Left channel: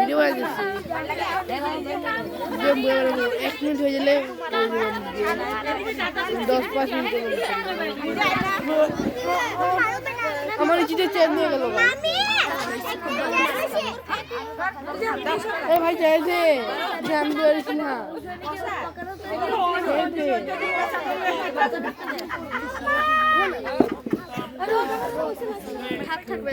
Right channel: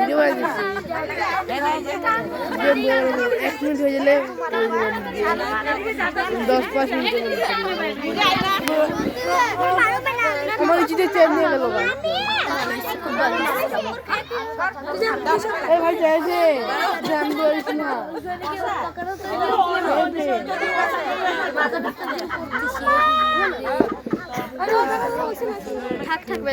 video বানাচ্ছি এক minute হয়ে গেলে 10-5 মিনিট আমার চিঠি চেঞ্জ হয়ে গেল ভাই চাইছে থাকবে